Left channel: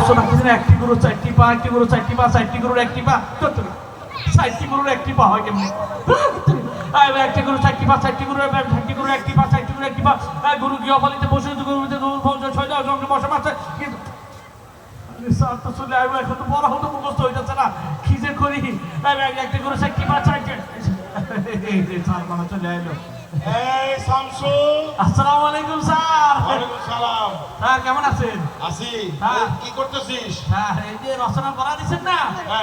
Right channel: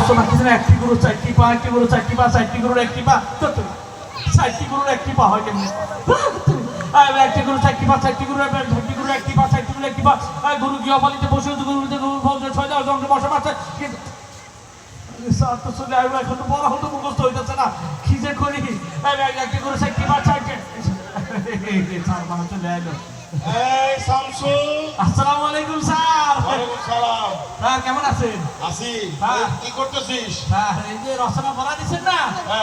রচনা কি জানি একটি গরু চারটি পা, একটি গরু চারটি পা, চারটি গরুর একটি পা, চারটি গরুর একটি পা হয় কেমনি? একটি গরু চারটি পা, চারটি গরু একটি গরু একটি পা, চারটি গরু একটি পা, গরু গৃহপালিত পশু, গরুতে গরুর ফল ছয় দেওয়া জঙ্গে বসা মারছে। স্যার তো চলে আসবো, এখন তো বড় হতো মুখস্থ হইতেছে না, কি যে করি? একটি গরু চারটি পা, চারটি স্যার মানুষ চলে আসলো। এই শামসু, আসসালামু আলাইকুম স্যার। ওয়ালাইকুম সালাম। স্যার কেমন আছেন? আসি। হ্যাঁ। কি করতেছিস? স্যার এই যে রচনা পড়া দিচ্ছেন না,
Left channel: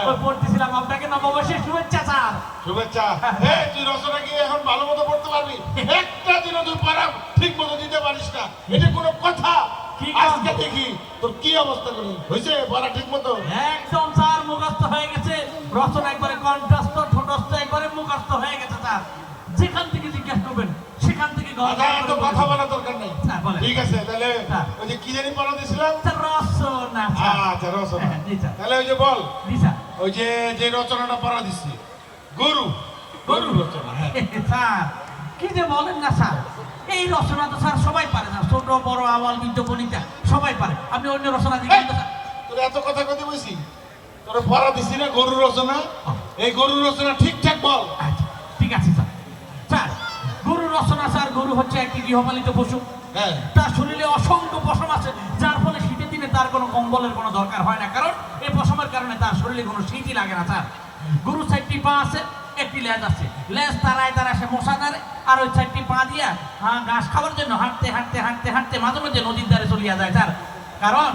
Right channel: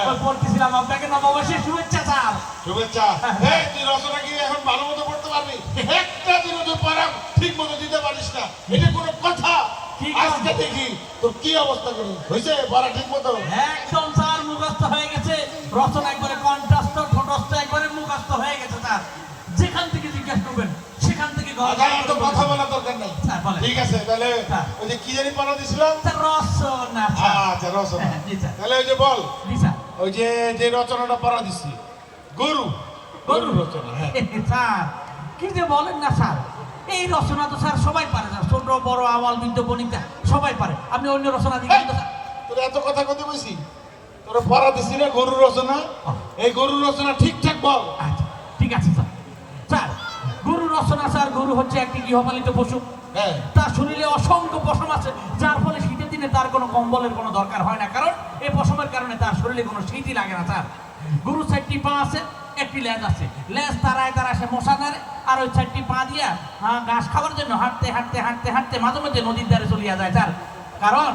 ওই পড়তেছিলাম। আপনাকে নববর্ষের শুভেচ্ছা স্যার। শুভেচ্ছা। এই তুই রচনা কি এখন ভালো মতো পড়তে পারবি? একটা দিনও তুই পড়া ঠিক মতো দিতে পারিস না, এটা কোনো কথা? কি আজকে দেখি তোর কি অবস্থা করি হয়েছে পড়া ঠিক মতো? একদম স্যার মুখস্থ হয়ে গেছে, রচনা একবারে কণ্ঠস্থ, ঠোঁটস্থ একবারে মুখস্থ হয়ে গেছে স্যার। যেখান থেকে জিজ্ঞাসা করবেন সেখান থেকে তো কথা বলার দরকার নেই। স্যার বলেন। ঠিক আছে, তাহলে হ্যাঁ। ওই যে কি জানি পড়া দিছিলাম? স্যার রচনা স্যার। আচ্ছা রচনা। জি স্যার। তাহলে ওই যে বল, জি স্যার। ওই যে যে রচনাটা পড়া দিচ্ছি, গরু গরু রচনা। হ্যাঁ স্যার কি যে বলেন না স্যার, এই রচনা তো স্যার সবাই পারে না, ছোট বড় আওয়াল বৃদ্ধ বনিতা সবাই পারে। আপনি অন্য রচনা দিবেন তো স্যার? তোর এত কথা কইতে বলছি, তোরে পড়া দিছি না গরু রচনা, এই গরু রচনা ঠিকঠাক বল। আচ্ছা, ঠিক আছে স্যার। স্যার গরু রচনা স্যার, গরু হচ্ছে একটি গৃহপালিত পশু। হ্যাঁ তার শরীরে অসংখ্য পশম আছে, যার ফলে শীতের দিনে তার কোনো কম্বলের কোনো দরকার হয় না, কারণ এই পশমের কারণে তার শরীরে কোনো শীতই লাগে না স্যার। গরু চারটি পা আছে, একটি লেজ আছে, লেজ তারায় সে মশা নাড়ে, আর ওই চারটি পা দিয়া ঘাস খাওয়ার জন্য হাঁটতে হাঁটতে হাঁটতে হাঁটতে মাঝে মাঝে নদীর ধারে চলিয়া যায় স্যার। কারণ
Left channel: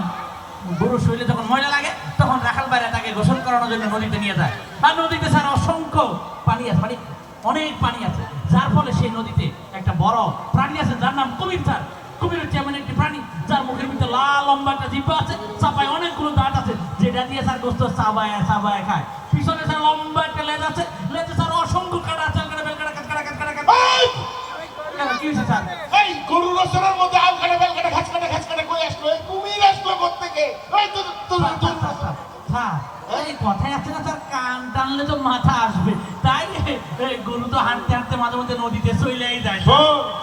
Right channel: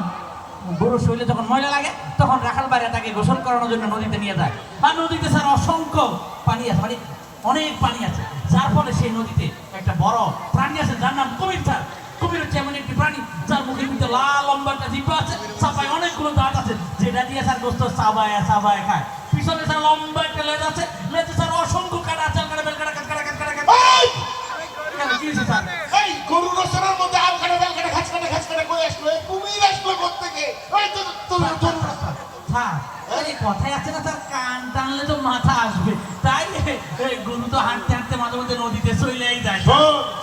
গরুর শরীরে যখন ময়লা লাগে তখন রাখাল বাইরে তাকে গোসল করানোর জন্য নদীতে নিয়ে যায়, আর নদীতে স্যার অসংখ্য পানি আছে, মানে অনেক পানি আছে, যার ফলে সেই নদীতে একটা বড় প্রাণী আছে যার নাম কুমির স্যার। কুমির হচ্ছে এমন একটি প্রাণী যার মুখের ভিতরে লাল লম্বা একটা জিহ্বা আছে, চাপায় অনেকগুলো দাঁত আছে, যেটা দিয়ে স্যার গোস্ত চাবায় চাবায় খায়। পিছনে স্যার লম্বা একটা লেজ আছে, লেজে স্যার অসংখ্য কাটা আছে, কি হয়েছে স্যার? এই গরু রচনার মধ্যে আম কাটা বেল কাটা ঘাস কাটা ঘাস কাটা কই আসলো? কুমির আসলো কোত্থেকে? এই স্যার এই কথায় আছে না স্যার, কান টানলে তো মাথা আসবে, তাই গরু তো হাঁটতে হাঁটতে মাঝে মধ্যে নদীতে চলেই যায়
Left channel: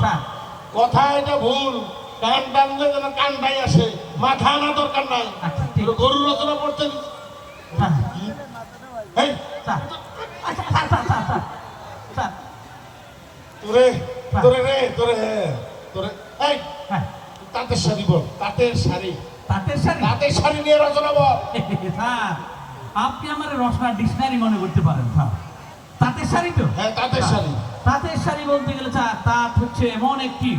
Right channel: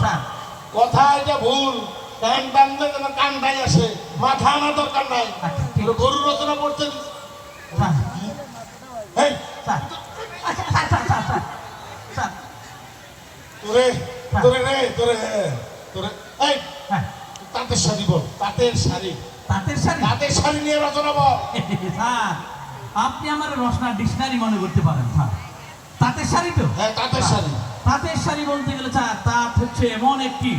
স্যার। কথা এটা ভুল, কান টানলে যেন কানটাই আসে, মাথা আনা দরকার নাই। আচ্ছা, ঠিক। গরু রচনা করতে স্যার, এই স্যার, আচ্ছা, sir, sir, sir, sir, sir, তোরে তোরে রে তোরে তোরে এই হ্যাঁ, তাঁতের শাড়ি বল, তাঁতের শাড়ি, তাঁতের শাড়ি। তাঁতের শাড়ি নিয়ে রচনা বল। স্যার আপনি আমার রচনা ডিকশনারি মনে করতে পারেন স্যার। তাঁতের শাড়ি তো? হ্যাঁ তাঁতের শাড়ি। তাঁতের শাড়ি বলতে গেলে স্যার, তাঁত হচ্ছে এমন একটি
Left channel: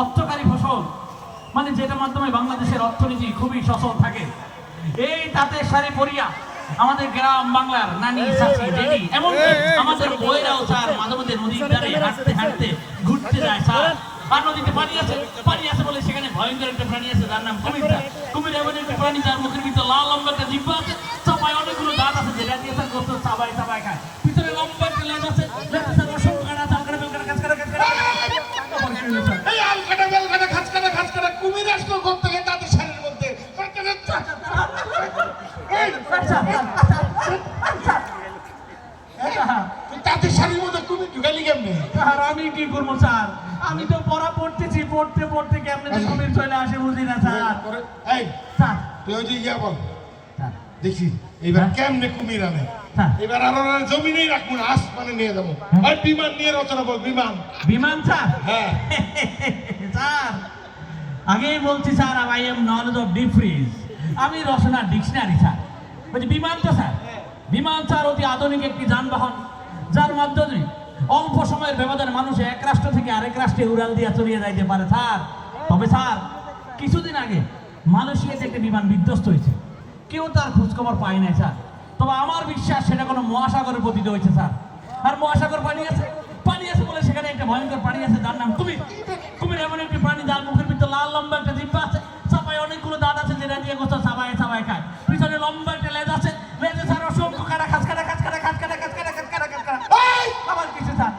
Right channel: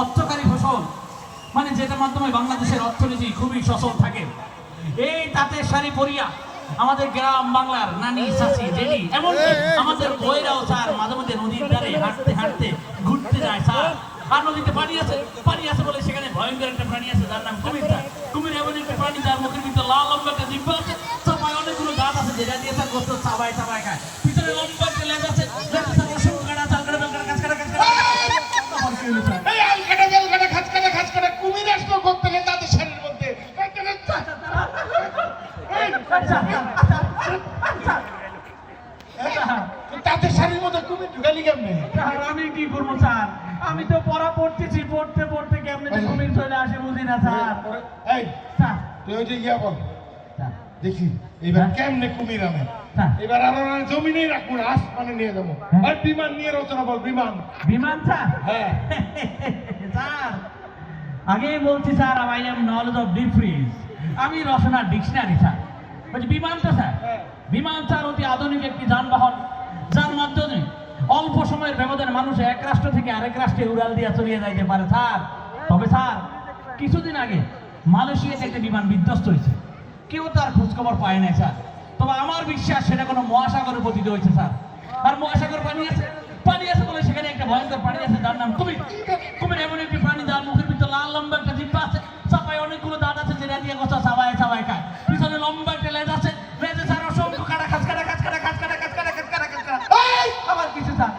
অর্থকারী ফসল, মানে যেটার মাধ্যমে বাংলাদেশের অর্থনীতি খুবই সচল থাকে। এই তাঁতের শাড়ি পরিয়া আমাদের গ্রাম বাংলার নানি চাচি দিদি এমন আমাদের বইরাও স্যার মাঝে মধ্যে নদীর ধারে হাঁটতে হাঁটতে ঘুরতে যায় স্যার। আর নদীতে পানি আছে বলে সেখানে ভয়ঙ্কর একটা প্রাণী আছে যার নাম কুমির স্যার। কুমির এমন একটা প্রাণী যার মুখের ভিতরে লাল লম্বা একটা জিহ্বা আছে, চাপায় অনেকগুলো দাঁত আছে, যেটা দিয়ে স্যার গোস্ত চাবায় চাবায় খায়। ভিতরে লম্বা একটা লেজ আছে, লেজে স্যার অসংখ্য কাঁটা আছে, আলকাটা বেলকাটা ঘাস কাটা ঘাস কাটা। এই আলকাটা বেলকাটা ঘাস কাটা ঘাস কাটা কুমির আসলো কোত্থেকে তাঁতের শাড়ির মধ্যে? তাঁতের শাড়ির মধ্যে কুমির ঢুকালি কেমনে? স্যার আমি কি করবো স্যার, আমি তো পড়া পড়তেছি, পড়তে পড়তে কেমনে যে কুমির চলে আসে বুঝি না স্যার। এই স্যার, তুই ওই যে ইয়া বল, স্যার, দেখি এবার কেমনে কুমির আনে। স্যার, এবার আর জমিনেই রাখবো না, আসমানে নিয়ে যাবো। আর বিমান নিয়ে রচনা বল, বিমান। বিমান স্যার? হ্যাঁ স্যার আগেই বলছি sir, I am knowledge of deep freeze, আমি রচনা ডিকশনারি স্যার। বলছি বিমান তো স্যার, বিমান স্যার অতি আধুনিক একটি যানবাহন, যার মাধ্যমে অল্প সময়ের ব্যবধানে মানুষ এক রাষ্ট্র থেকে আরেক রাষ্ট্রে উড়াল দিয়ে চলিয়ে যাইতে পারে স্যার। তবে স্যার কিছুদিন আগে মালয়েশিয়াতে একটা বিমান বিধ্বস্ত হয়েছে, কেউ তার খোঁজখবর পায় নাই স্যার। তবে আমার বিশ্বাস সেটা কোনো মহাসাগরের পতিত হয়েছে স্যার। আর মহাসাগর পানি আছে বলে সেখানে একটা ভয়ঙ্কর প্রাণী আছে যার নাম কুমির। কুমির এমন একটি প্রাণী যার মুখের ভিতরে লাল লম্বা একটা জিহ্বা আছে, চাপায় অনেকগুলো দাঁত আছে, যেটা দিয়ে কথা চাবায় চাবায় খায়। পিছনে লম্বা একটা লেজ আছে, লেজে স্যার অসংখ্য কাটা খাস কাটা খাস কাটা খাস কাটা খাস কাটা খাস কাটা খাস কাটা। আবার কিছু স্যার,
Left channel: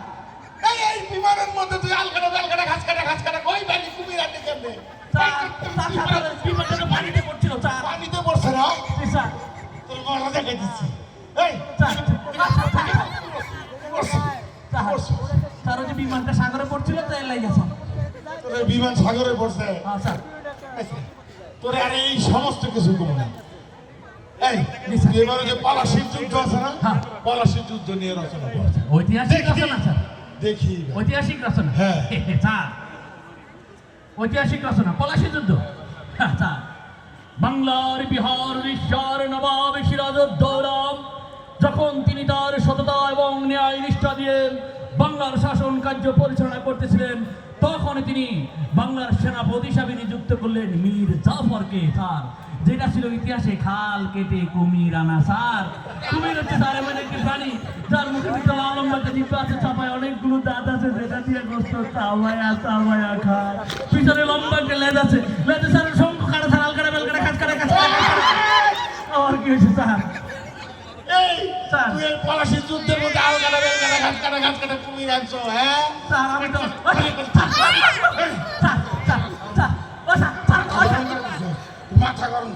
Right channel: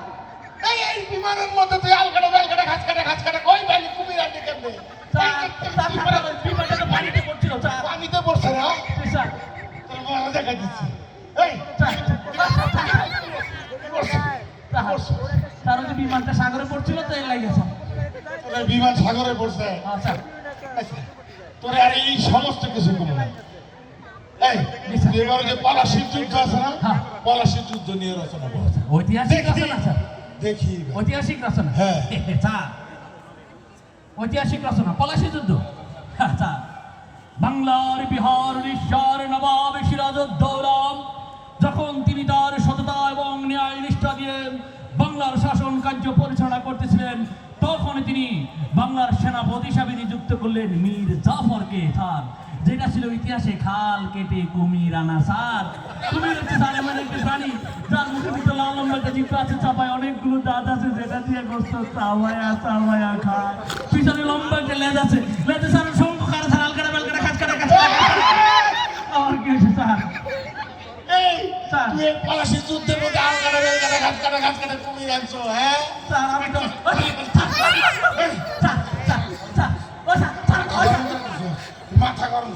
এই বিমানের মধ্যে তুই আলকাটা বেলকাটা ঘাস কাটা ঘাস কাটা কই পালি কুমির আনতে কেমনে? বিমানটা তো পানিতে পড়ছিল স্যার। পানিতে পড়ছে না? স্যার তোর মজা দেখা দিচ্ছি। এই স্যার ওই বিমানটা সাগরে পড়ছিল তো এর লাগে স্যার। তোর বিমান সাগরে পড়ছে। স্যার আচ্ছা, তোরে আর এই সমস্ত কিছু করবো না। এই এবারে যে পলাশির যুদ্ধ আছে না, হ্যাঁ। পলাশির যুদ্ধ নিয়ে রচনা করেছে। ঐতিহাসিক দেখি। রচনা স্যার, দেখি ঐতিহাসিক রচনা। হ্যাঁ। স্যার ঐতিহাসিক রচনা পলাশী যুদ্ধ। হ্যাঁ, স্যার বাংলার বিহার উড়িষ্যার নবাব সিরাজউদ্দৌলা যখন তিনি তার সততা এবং ন্যায় নিষ্ঠা দিয়ে বাংলার শাসন কার্য পরিচালনা করতেছিলেন, তখন তিনি বাংলার সেনাপতি হিসাবে নিযুক্ত করলেন মীর জাফরকে। স্যার যেটা ছিল ইতিহাসে খাল কেটে কুমির আনা। স্যার কুমির হচ্ছে স্যার এমন একটি প্রাণী যার মুখে বিশাল লম্বাটা জিভ আছে, চাপায় অনেকগুলো দাঁত আছে, যেটা দিয়ে গোস্ত চাওয়ায়া চাওয়ায়া খায়। পিছনে লম্বা একটা লেজ আছে, লেজে স্যার শঙ্খ কাটা ধারাল কাটা বেল কাটা খাঁচ কাটা খাঁচ কাটা। আর কি হয়েছে স্যার? এই স্যার। তুই এই পলাশির যুদ্ধের মধ্যে আরো গালা বেল গালা ঘাট কাটা কুমির আনছো, হ্যাঁ? স্যার আমি তো স্যার স্যার স্যার স্যার ও স্যার স্যার ও স্যার। মাথা গরম।